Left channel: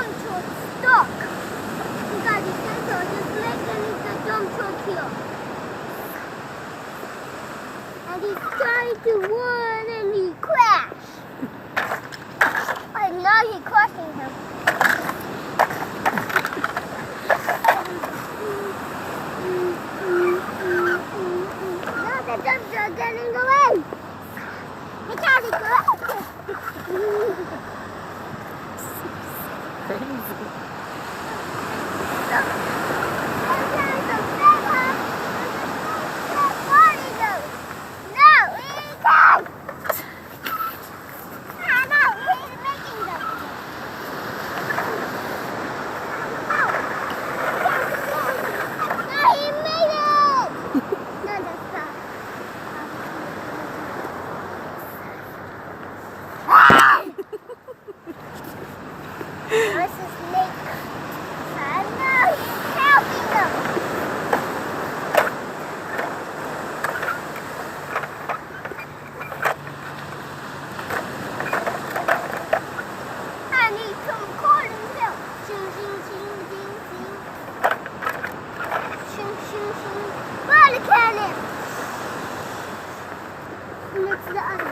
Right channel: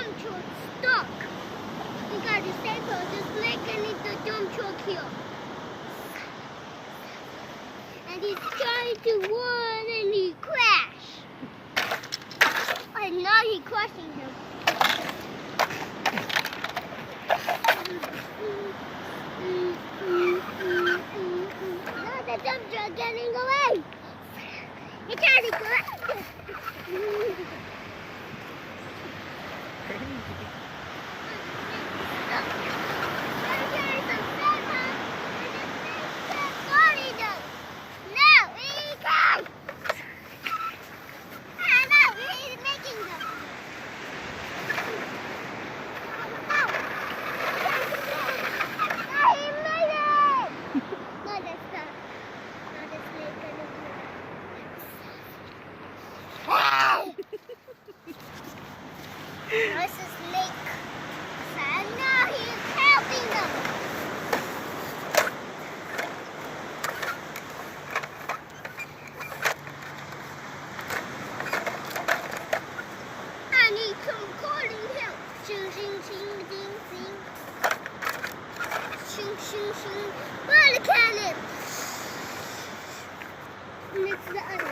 dump truck stuck. He got his staple just making it the dump truck here. And he's trying to run and he crashed. And now he's crushing him. Now the dump truck getting away. He tried to go. Crazy. This is Lake. And now he's helping them. And he come calling him. Shing, shing, shing, ding, ding. Shing, shing, shing. Ball cannon. And it's the other.